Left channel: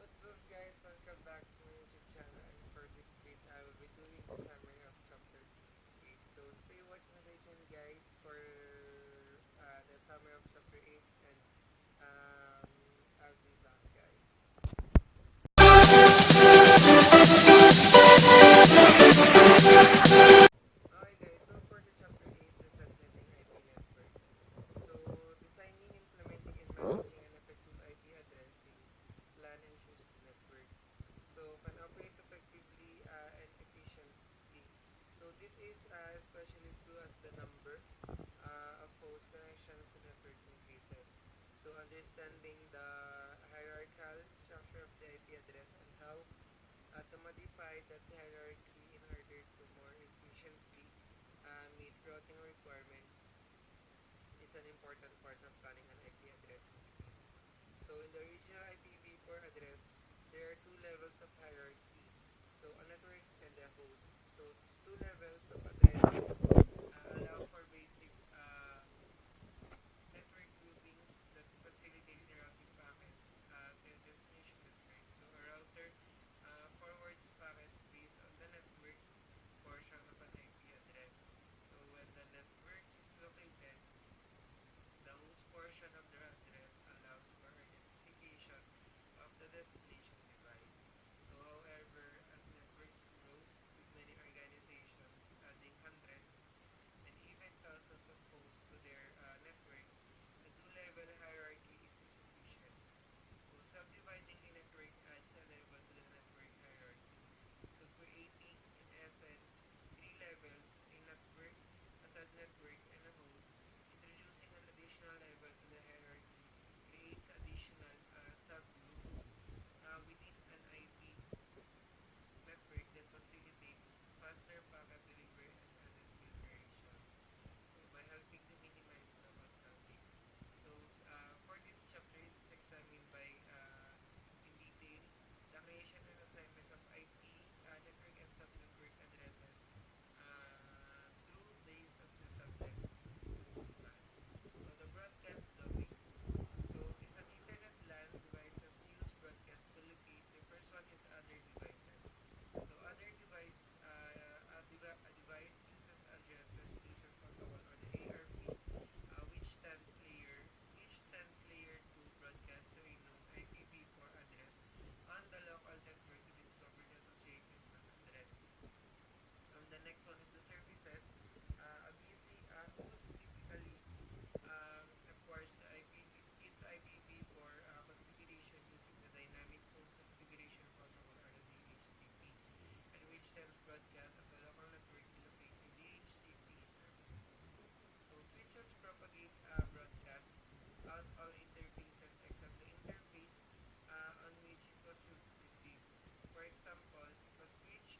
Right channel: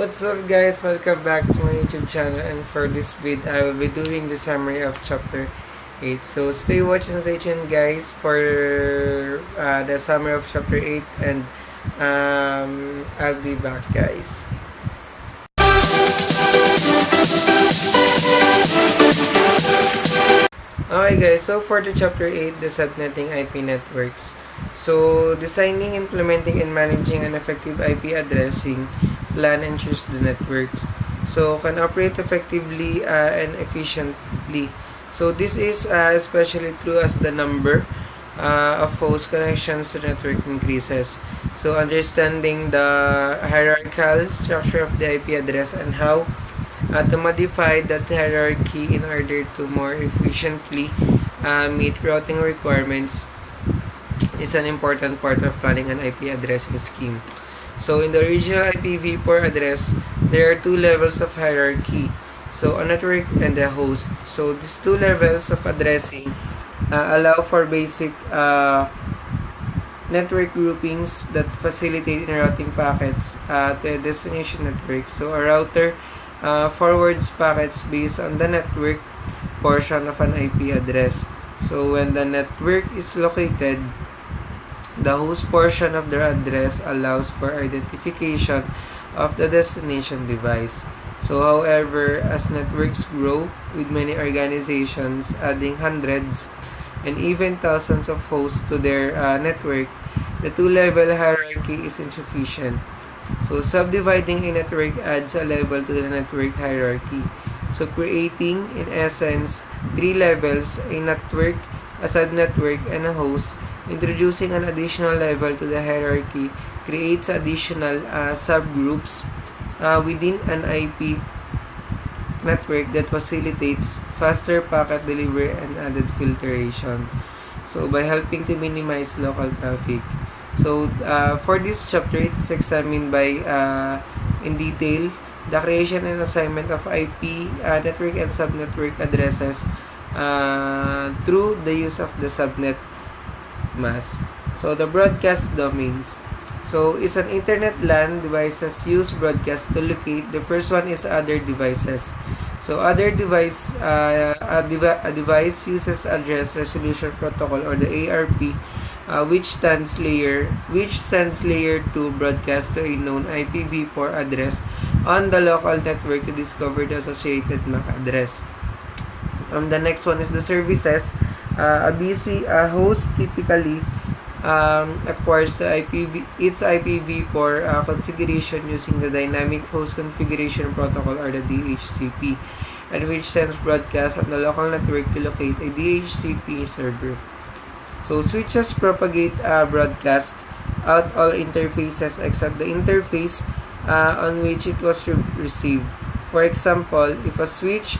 What's up guys? Welcome back to my YouTube channel, and for this vid I will be doing the summary of chapter 8. So stay watching and stay tuned guys for the summary of chapter 8, and I'll be back guys. Okay guys, so for the chapter 8, the subnetting IP networks. So designing, implementing, and managing an effective IP addressing plan ensures the networks so can operate effectively and efficiently. So this is especially true as the number of host connections to network increases. So understanding the hierarchical structure of the IP address and how to modify that hierarchy in order to more efficiently meet routing requirements is an important part of planning an IP addressing scheme. So in the original IPv4 address, there are two levels of hierarchy. So a network and a host. So these two levels of addressing allow for basic network groupings that facilitate routing packets to a destination network. So a router forwards packets based on the network portion of an IP address. So when the network is located, the host portion of the address allows for identification of the destination device. So however, as networks grow, with many organizations adding hundreds and even thousands of hosts to their network, the two-level hierarchy is insufficient. So subdividing a network adds a level to the network hierarchy. So creating, in essence, three levels, a network, a subnetwork, and a host, introducing an additional level to the hierarchy creates additional subgroups within an IP network that facilitates faster packet delivery and added filtration. So by helping to minimize local traffic. So for this chapter, it's examined by in detail the creation and assignment of IP network and subnetwork addresses through the use of the subnet mask. So the broadcast domains. So is an internet LAN devices use broadcast to locate. The first one is other devices. So other device, a device uses address resolution protocol, or the ARP, which sends layer 2 broadcast to a known IPv4 address on the local network to discover the associated MAC address. The next one is the services. A host typically acquires its IPv4 configuration using the Dynamic Host Configuration Protocol, or the DHCP, and which sends broadcast on the local network to locate a DHCP server. So switches propagate broadcast out all interfaces except the interface on which it was received. For example, if a switch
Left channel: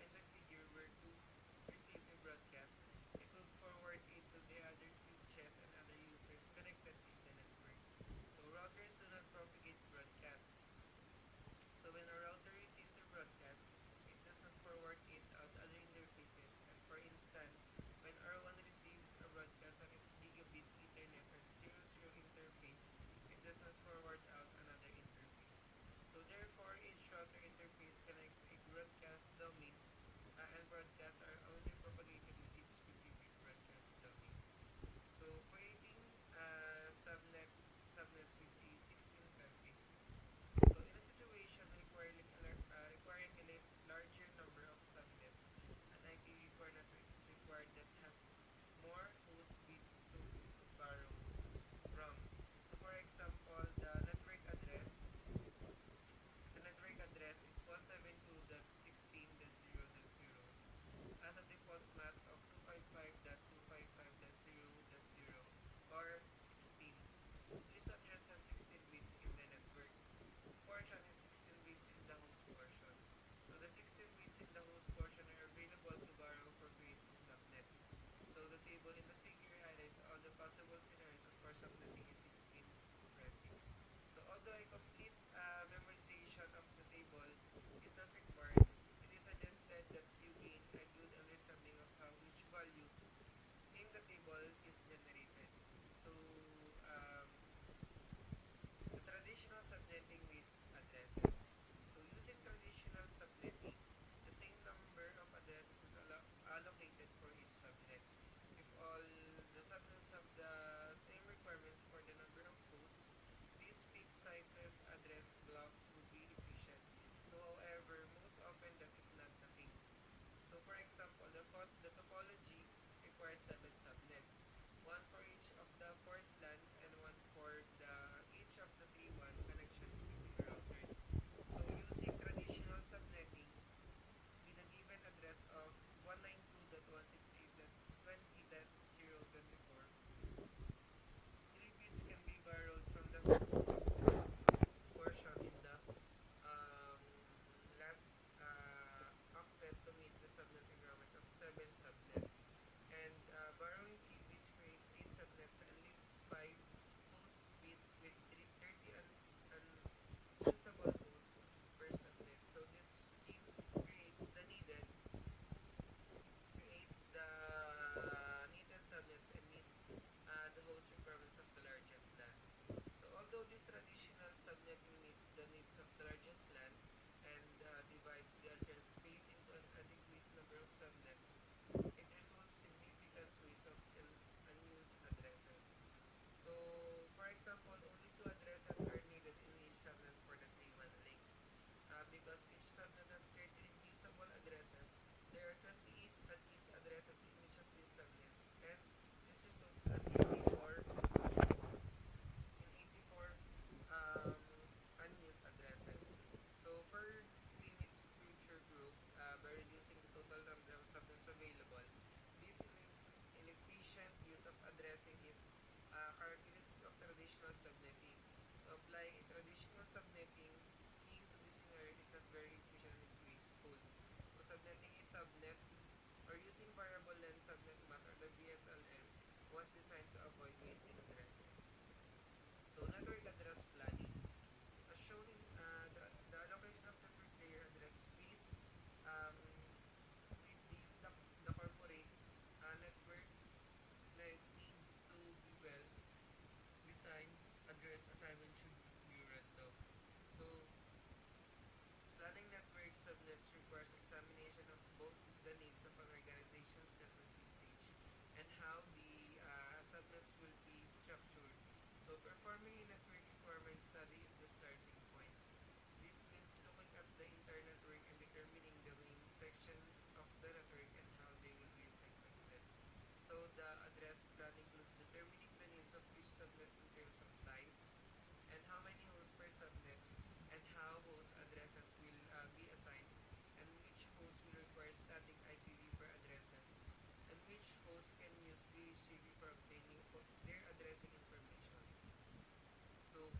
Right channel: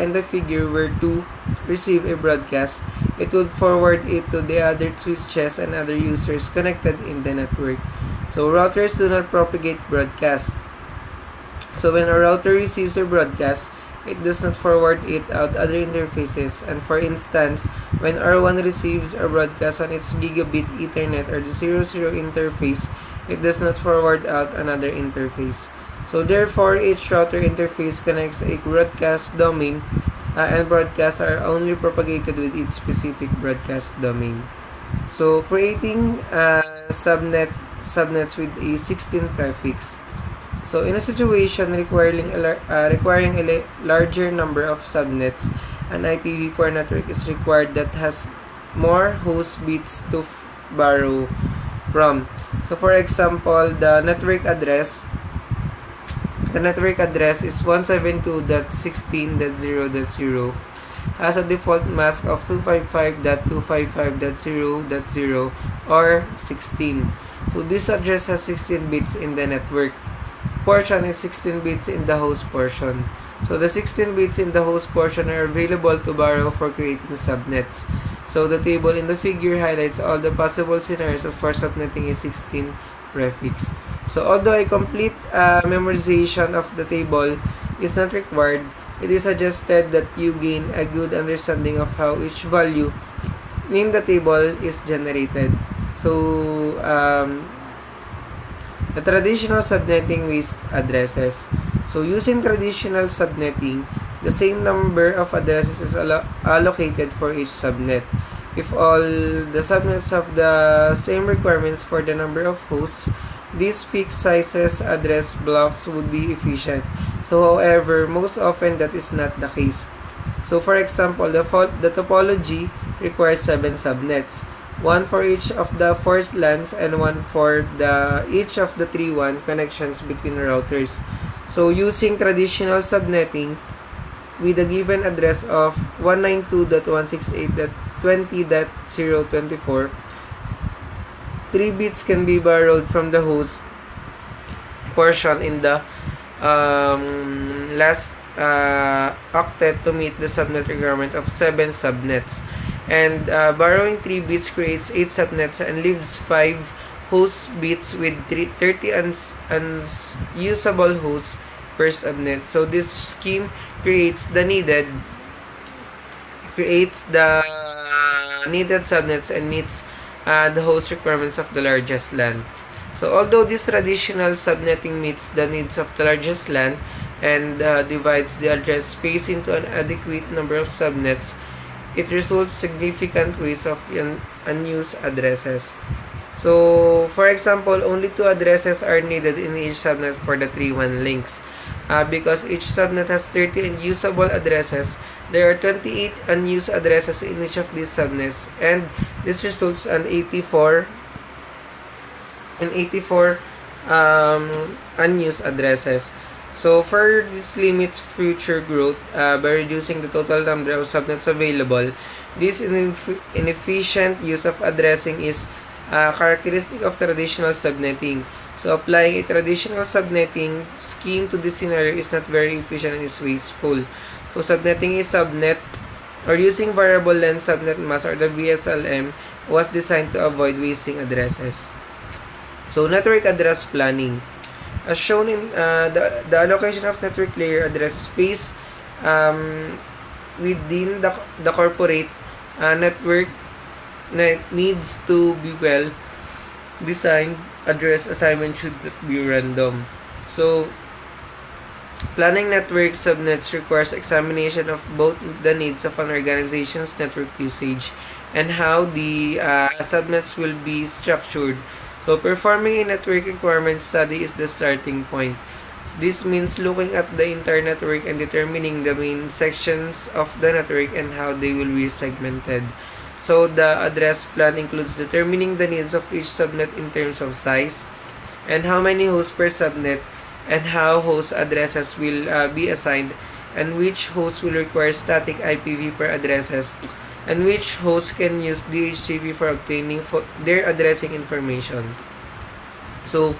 in the figure were to receive a broadcast, it would forward it to the other switches and other users connected in the network. So routers do not propagate broadcast. So when a router receives a broadcast, it does not forward it out other interfaces. And for instance, when R1 receives a broadcast on its gigabit Ethernet or the 00 interface, it does not forward out another interface. So therefore, each router interface connects a broadcast domain, and broadcasts are only propagated with its specific broadcast domain. So creating subnets with a 16 prefix. So in a situation requiring a larger number of subnets, an IPv4 network is required that has more host bits to borrow from. So for example, the network address is 172.16.0.0, has a default mask of 255.255.0.0 or 16. So this address has 16 bits in the network portion and 16 bits in the host portion. So the 16 bits in the host portion are available to borrow for creating subnets. So the table in the figure highlights all the possible scenarios for subnetting a 16 prefix. So although a complete memorization of the table is not required, it is suggested that you gain a good understanding of how each value in the table is generated. So The traditional subnetting with addresses. So using traditional subnetting, the same number of addresses is allocated for each subnet. If all the subnets have the same requirements for the number of hosts, these fixed sizes address blocks would be efficient. So however, most often that is not the case. So for example, the topology requires 7 subnets, one for each of the 4 LANs and one for each of the 3 WAN connections between routers. So using traditional subnetting with a given address of 192.168.20.024, 3 bits can be borrowed from the host portion in the last octet to meet the subnet requirement of 7 subnets. And borrowing 3 bits creates 8 subnets and leaves 5 host bits with 30 unusable hosts per subnet. So this scheme creates the needed subnets and meets the host requirements of the largest LAN. So although this traditional subnetting meets the needs of the largest LAN and divides the address space into an adequate number of subnets, it results significant waste of unused addresses. So, for example, only 2 addresses are needed in each subnet for the 3 WAN links. Because each subnet has 30 unusable addresses, there are 28 unused addresses in each of these subnets, and this results in 84 unused addresses. So, for this limits future growth by reducing the total number of subnets available. This inefficient use of addressing is characteristic of traditional subnetting. So, applying a traditional subnetting scheme to this scenario is not very efficient and is wasteful. So, subnetting a subnet or using variable length subnet mask or the VSLM was designed to avoid wasting addresses. So, network address planning. As shown in the allocation of network layer address space within the corporate network needs to be well designed. Address assignment should not be random. So, planning network subnets requires examination of both the needs of an organization's network usage and how the subnets will be structured. So, performing a network requirement study is the starting point. This means looking at the entire network and determining the main sections of the network and how they will be segmented. So, the address plan includes determining the needs of each subnet in terms of size and how many hosts per subnet and how host addresses will be assigned and which hosts will require static IPv4 addresses and which hosts can use DHCP for obtaining their addressing information. So,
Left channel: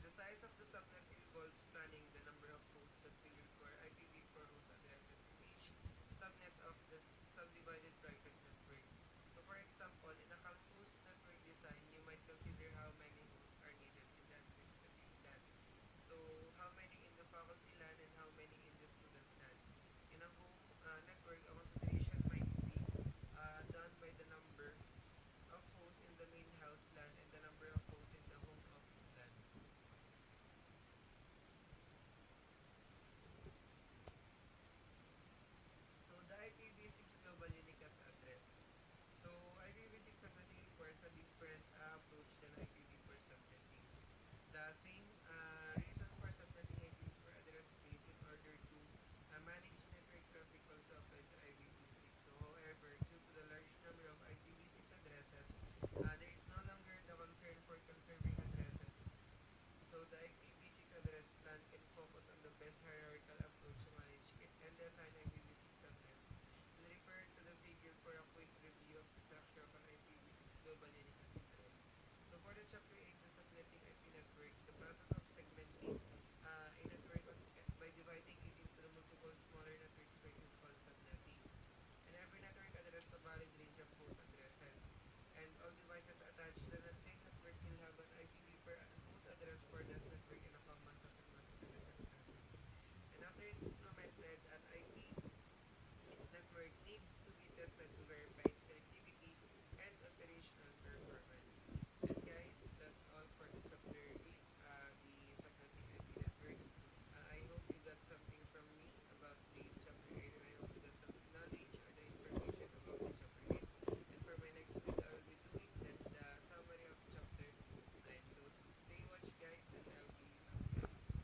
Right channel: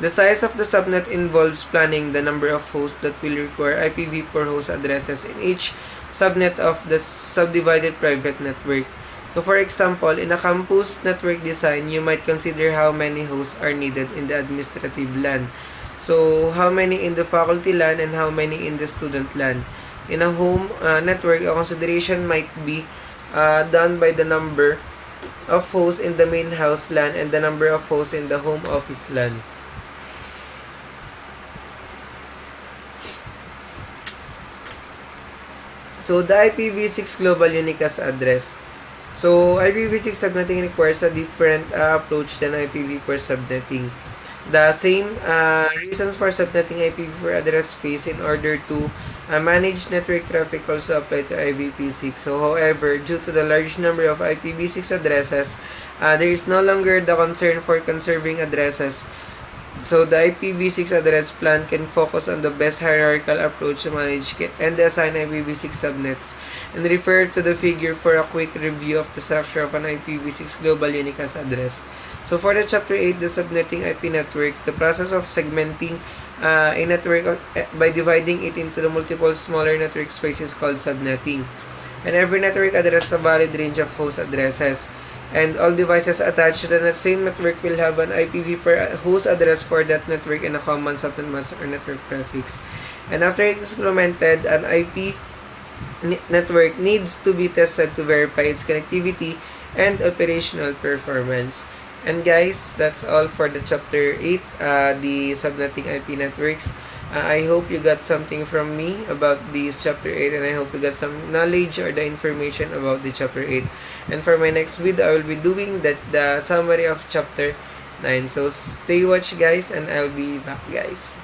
the size of the subnet involves planning the number of hosts that will require IPv4 host addresses in each subnet of the subdivided private network. So, for example, in a campus network design, you might consider how many hosts are needed in the administrative LAN. So, how many in the faculty LAN and how many in the student LAN. In a home network, a consideration might be done by the number of hosts in the main house LAN and the number of hosts in the home office LAN. So, the IPv6 global unicast address. So, IPv6 subnetting requires a different approach than IPv4 subnetting. The same reasons for subnetting IPv4 address space in order to manage network traffic also apply to IPv6. So, however, due to the large number of IPv6 addresses, there is no longer the concern for conserving addresses. So, the IPv6 address plan can focus on the best hierarchical approach to manage and assign IPv6 subnets, and refer to the figure for a quick review of the structure of an IPv6 global unicast address. So, for the Chapter 8, the subnetting IP networks, the process of segmenting a network by dividing it into the multiple smaller network spaces called subnetting. And every network address a valid range of host addresses. And all devices attached to the same network will have an IPv4 host address for that network and a common subnet mask or network prefix. And after it is implemented, an IP network needs to be tested to verify its connectivity and operational performance. And guys, that's all for the chapter 8, the subnetting IP networks. I hope you got something from me about this chapter 8, and I hope you got some knowledge or the information about the chapter 8. And for my next video, I will be doing the summary of chapter 9. So stay watch guys, and I'll be back guys.